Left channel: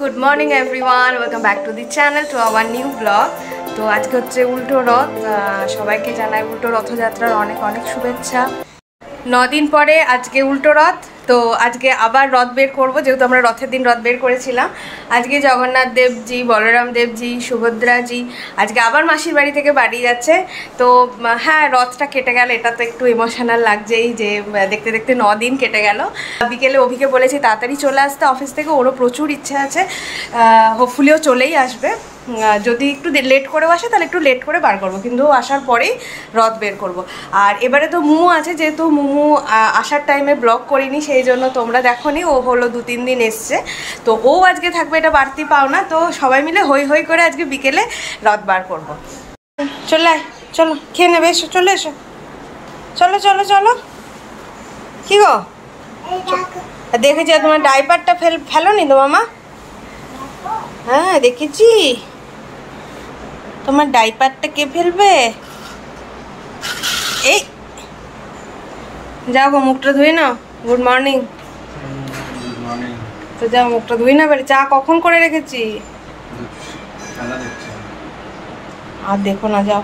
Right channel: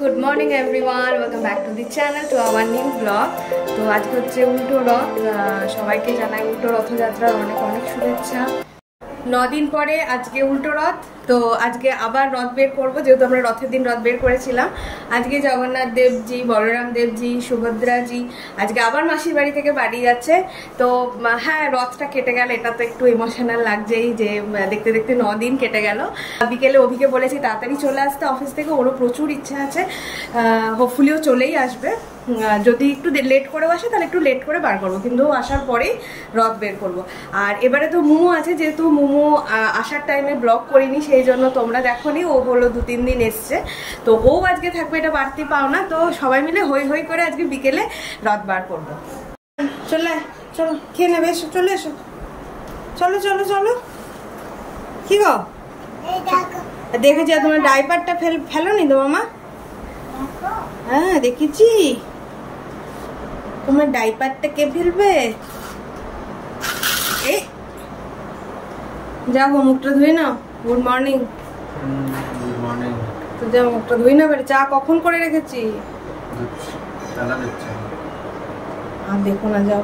Good morning everyone, welcome back to the channel to our new blog. তো আজকে হচ্ছে উল্টো রথ। সবাইকে জানাই উল্টো রথযাত্রার অনেক অনেক শুভেচ্ছা। 9 দিন পরে আজকে উল্টো রথ। তো আজকে আবার রথ বের করবো, যেহেতু আমরা রথের দিন রথ বের করেছিলাম। আজকে জগন্নাথ দেবজি, বলরাম দেবজি, সুভদ্রাজি আজকে আবার মাসির বাড়ি থেকে বাড়ি যাচ্ছে। তো হ্যাঁ, রথটা কেটে গেল, এটা তো একটু ইমোশনাল লাগছেই যে দেখতে দেখতে 9 দিন কেটে গেল। বিকেলে অভিকে বলেছি তাড়াতাড়ি চলে আসতে অফিস থেকে, ওরও প্রচুর ইচ্ছা আছে, হোপফুলিও চলেই আসবে। যদি একটু লেট করেও আসে তাহলে একটু লেট করে বার করবো, কিন্তু আসার পরেই রথ বের করব। আর এবারে তো মুমু আছে, যেহেতু মুমু আসার টাইমে ব্লগ করিনি, সেই জন্য তোমরা দেখোনি, ও হলো 2-3 দিন এসছে। তো ও আজকে থাকবে, এটা বাড়তি পাওনা। তো সবাই মিলে হই হই করে আজকে বিকেলে রথ বার করবো। চলে আয়, চলো খেয়ে নেবে, এসো, চলে এসো, চলো চলো চলো। কি গো দেখেছি, তোমার ডাইপারটা ফেলোনি তো মামা? হ্যাঁ দেখেছি, তোমার ডাইপারটা কে ফেলবে? এই যাও গো, মুখটা ধুয়ে নাও। Good morning. তো যাও, মুখটা ধুই না পারি। চা কখন করে রেখেছি, আর দেখো না, যাও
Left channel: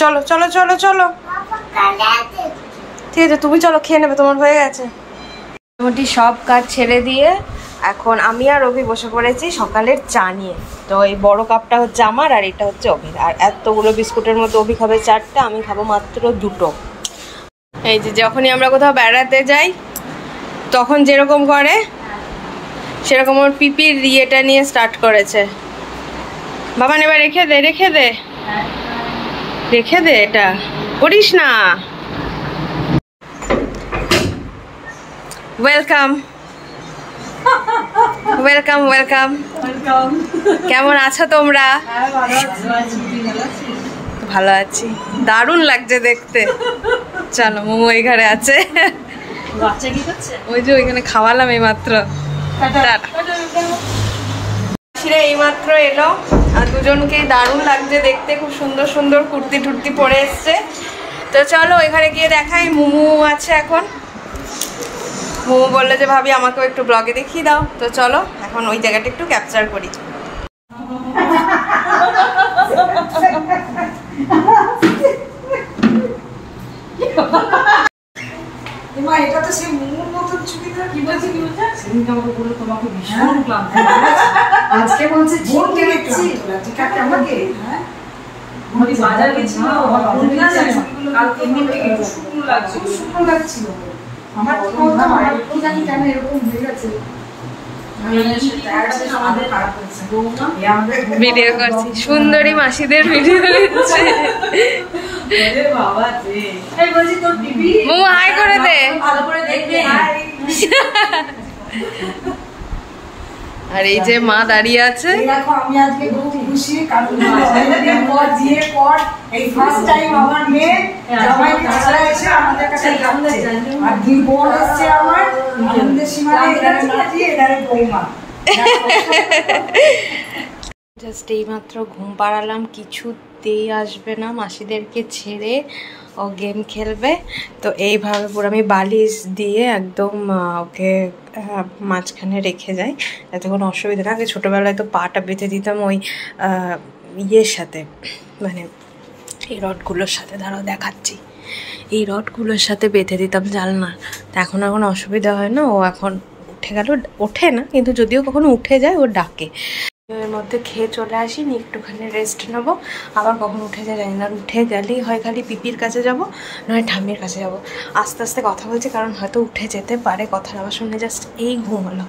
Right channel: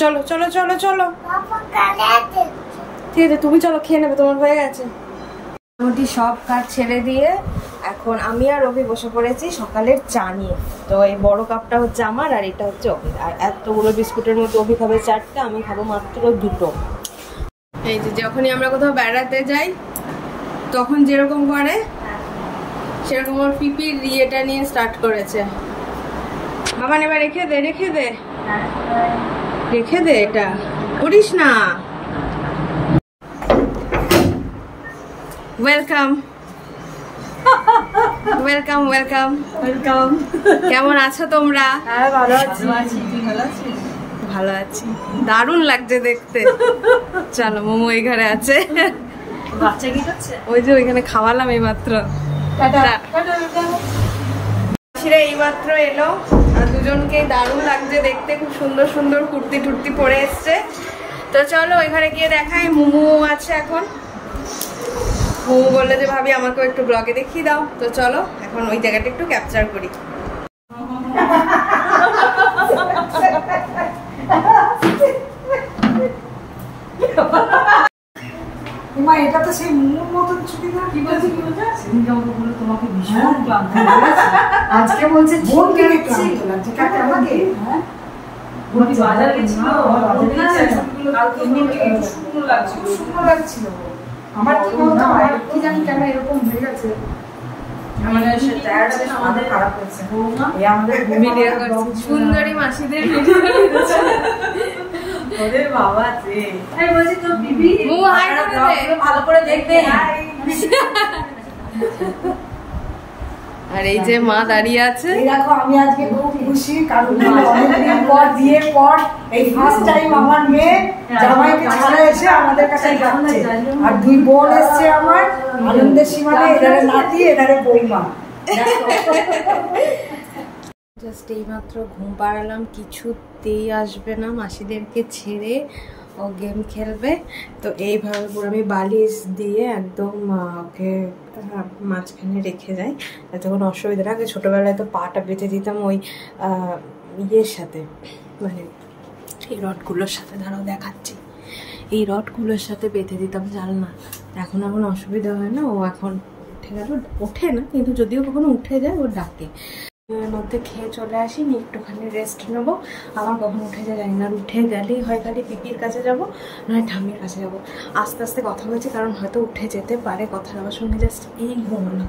চলো চলো চলো চলো। ঠিক আছে, তুমি চলো, খেয়ে নেবে, তোমার হয়ে গেছে। মোটামুটি সব কাজ ছেড়ে দিয়ে এখন আমি আর অভি বসে পড়েছি সকালের চা নিয়ে। তো এই বড় কাপটা হচ্ছে আমার, আর এটা হচ্ছে অভির। আর এতগুলো বিস্কুটের মধ্যে অভি খাবে 4টা, আমি খাবো মাত্র 2টো। এই যে যখনই আমরা কোথাও বেড়াতে যাই তখন যেরকম করে সেরকম ওর পিপির ইয়েটা নিয়ে স্টার্ট করেছে। বাবা এবার রেখে দে, রেখে দে, রেখে দে, এটা করিস না। Welcome welcome welcome welcome. কেমন আছো তোমরা? ভালো আছি, দারুণ লাগছে দেখতে। চলো, মোমো এই ঘরে আছে। বাচ্চা কি করছে? ওই যে ওইখানে খাওয়ালাম এই মাত্র। এই মাত্র এলো, আর দুজনকেই দারুণ লাগছে দেখতে, খুব সুন্দর সুন্দর কুর্তি টুর্তি পরে এসছে। তো চলো ওইখানে গিয়ে দেখাই। মোমো আছে এখন, মোমো বললো যে ভাবি আমাকেও একটু ব্লগে দেখিয়ে দাও। তো চলো এখন ওই জায়গাটা একটু ক্যাপচার করি। এটা তো সেই মুখ মতন ছুটি না। কি বলছে কি বলছে? সেদিনকে আমাকে বললো তোমাকে ভীষণ ক্লান্ত লাগছে, আজকে বলছে ভোর থেকে ক্লান্ত লাগছে। কাকে? আমাকে? হ্যাঁ, বলি বাজার গেছিল, কাল এমনি একটু শুকনো লাগছিল, শুকনো লাগছিল আমার। কি জানি কেন এরকম হয়ে গেছে। ভিডিও করছি, সুন্দরী মাসিদের ভিডিও দিচ্ছে। মোমো হাই করে দে। আর এই যে মা দাঁড়িয়ে আছে। আমি আজকে খুব খুশি, কারণ অনেকদিন পর বিয়ের পর এই ফার্স্ট টাইম আমার মেয়ে জামাইকে ছাড়া এসে আমাদের কাছে যাচ্ছে। আর 2 বোন এসছে আমার, আনন্দের সীমানে, এধারে নাতি, এধারে বৌমা। জাস্ট এইমাত্র ঘুম পাড়ালাম, কিছুতেই আসবে না মাসিদেরকে ছেড়ে, ও গেম খেলবে। তো এইভাবে পুরো আমি বালিশ দিয়ে একদম ওকে মাঝখানে রেখে যাই, যাতে কোনো অসুবিধা না। আগে ছোটোবেলায় তো পাটা বেঁধে দিতাম ওই ইয়ের সাথে, মানে এই রডগুলোর সাথে, দাঁড়াও দেখাচ্ছি, এই রডগুলোর সাথে বেঁধে দিতাম জানলা। তো এখন অসুবিধা হয় না। ও এখন উঠে গেল, ওঠে না কিন্তু, যদিও কখনো উঠে যায় ও ডাকে। এর মধ্যে খেয়ে চলে আসিনি, একটুখানি রেস্ট নেবো, আবার কখন উঠে যায় জানি না। আর উঠে গেলেই হয় খালি পিপির কাছে যাব, নয় ঠাম্মির কাছে যাব। আস্তে আস্তে কথা বলছি, কারণ হয়তো উঠে যেতে পারে, কথার আবার শুনে জাস্ট এই ঘুম হলো।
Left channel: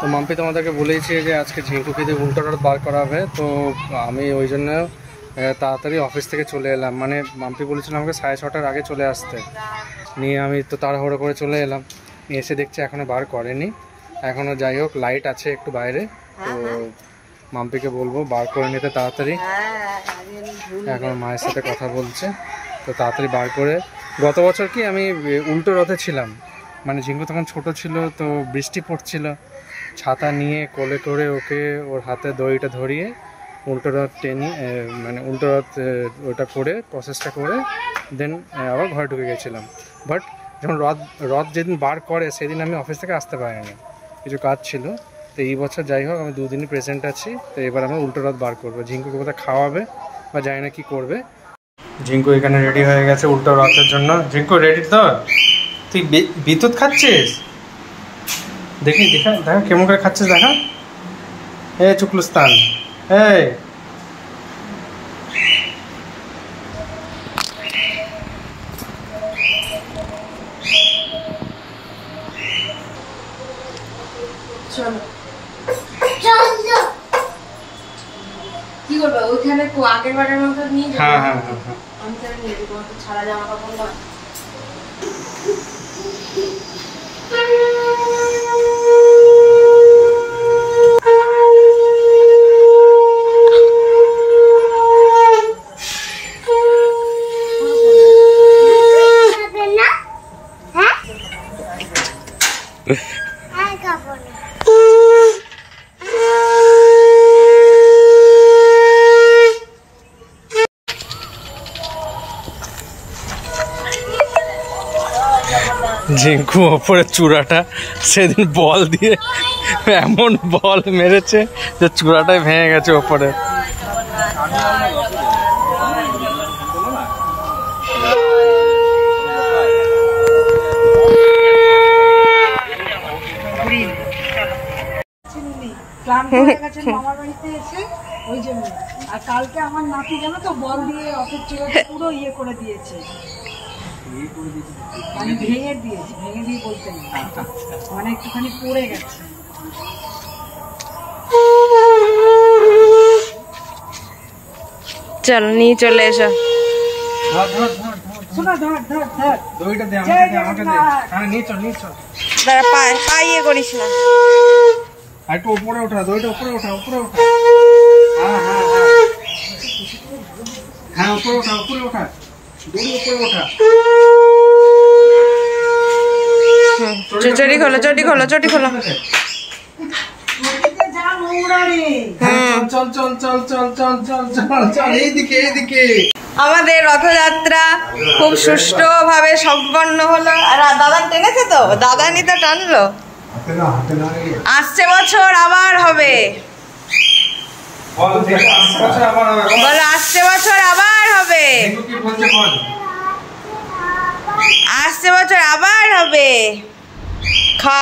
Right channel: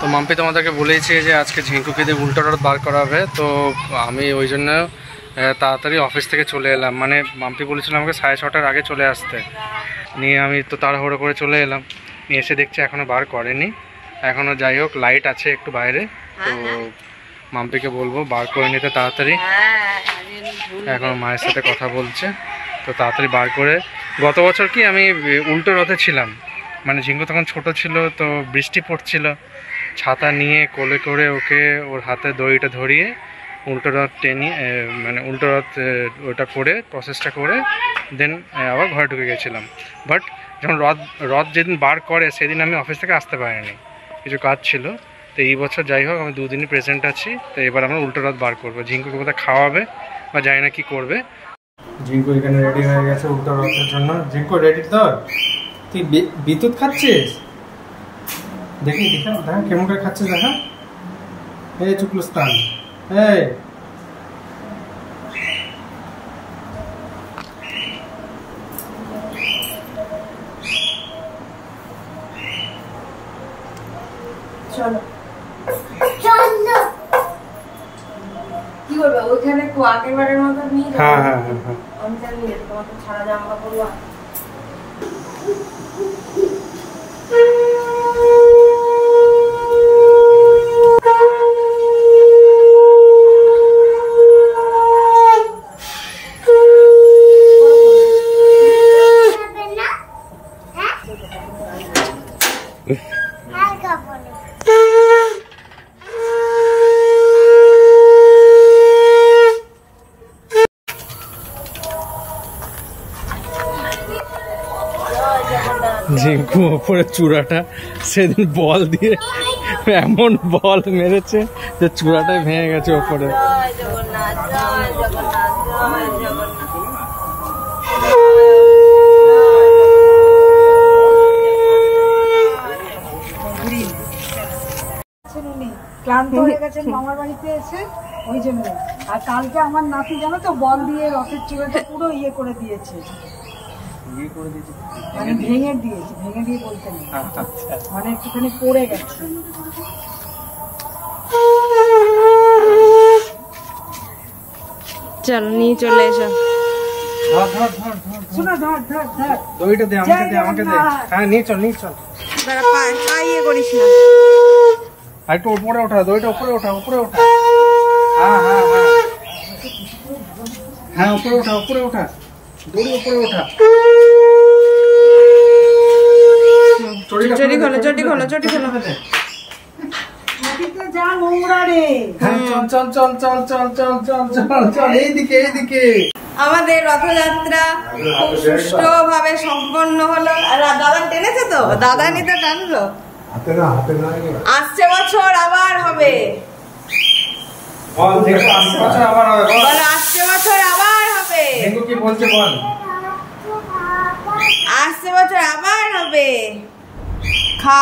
তো মাম্পি তোমাদেরকে বলেইছে যে আজকে ঝিঙ্কু খেতে উল্টো রথ বার করা হবে। তো আমি ওই জন্য তাড়াতাড়ি অফিস থেকে চলে এলাম। মানে মাম্পি বলেছিল আমাকে 6:30টার আগে চলে আসতে, নিয়ে আমি তো তাড়াহুড়ো করে চলে এলাম। এসে দেখছি এখনও বার করেনি এখনও। যাই হোক, লাইট আছে একটু বাইরে, তো মাম্পিকে বলবো বার করে নিতে তাড়াতাড়ি। এখন মায়ের সাথে কথা বলছে, তো তাড়াতাড়ি বার করে। গত বছর কি আমি উল্টো রথে ছিলাম, মানে ঝিঙ্কু তখন ছোট ছিল, তো বৃষ্টি পড়ছিল, ছাতা নিয়ে কোলে করে ওকে ওর হাতে দড়িটা ধরিয়ে উল্টো রথ টেনে, মানে উল্টো রথ ওটা করে প্রসেসটা করে দেন আবার ঘরে ঢুকে গেছিলাম। বাট যখন রথ যেদিন বার করে সেদিন আমি অফিস থেকে আসতে পারিনি, কিছু কাজ ছিল। তো এই বছর যাই হোক আমি 2 দিনই প্রেজেন্ট আছি। তো এবার আমরা উল্টো রথ বার করবো, ঝিঙ্কুকে কোথাও খাওয়াবে বা জানি না কি করবে। ঝিঙ্কু এখানে রেডি হয়ে গেছে উল্টো রথের জন্য। ঝিঙ্কু রেডি তো? তুই বিদ্যুৎ খাচ্ছিস? দেখি দেখা দেখা কেমন করে খাচ্ছিস দেখা। এই চুকলুস্তান, এই চলো চলো কি করবে ওইখানে তো আগের বারের মতো নিয়ে যাবে। হ্যাঁ হ্যাঁ হ্যাঁ হ্যাঁ আমি জানি তোমার তো ছাড়া জামা কাপড় না। ঝিঙ্কু ওপরে চূড়াটা সেদিন বল দিয়ে এমন বল মেরেছে যে চূড়াটাই ভেঙে গেছে ওপরে। ক্লান্ত হয়ে গেছেন মামার বাড়িতে এসে, ওই জন্য। আর কালকে আমার নাতি জানো তো বল দিয়ে রথের চূড়াটা পুরো ইয়ে করে দিয়েছে, মানে ভেঙে দিয়েছে, ভেঙে দিয়ে বলতে নেই, মানে একটুখানি পড়ে গেছে। চলো নিয়ে চলে এসো। শোনা ধর ধর ধর দইটা দে আমাকে, দে আমাকে দে। হ্যাঁ নিয়ে চল নিয়ে চল। দাঁড়া পাইয়ে করিস না। আর একটু উপরে ওঠা, দইটা উপরে ওঠা, উপরে ওঠা। হ্যাঁ হ্যাঁ হ্যাঁ হ্যাঁ উপরে ওঠা, উপরে ওঠা, দড়ি উপরে ওঠা। চটি খোলো, চটি খোলো, চটি খোলো। যা নোংরা রে। চল চল চল চল চল চল চল চল এইদিকে এইদিকে। আমাদের রথযাত্রা খুব সুষ্ঠুভাবে সম্পন্ন হলো। আর দাদা টেনেছে তো, দাদা নি তো টানলো। আসছে বছর আবার হবে, বলো আসছে বছর আবার হবে, আসছে বছর আবার হবে। খা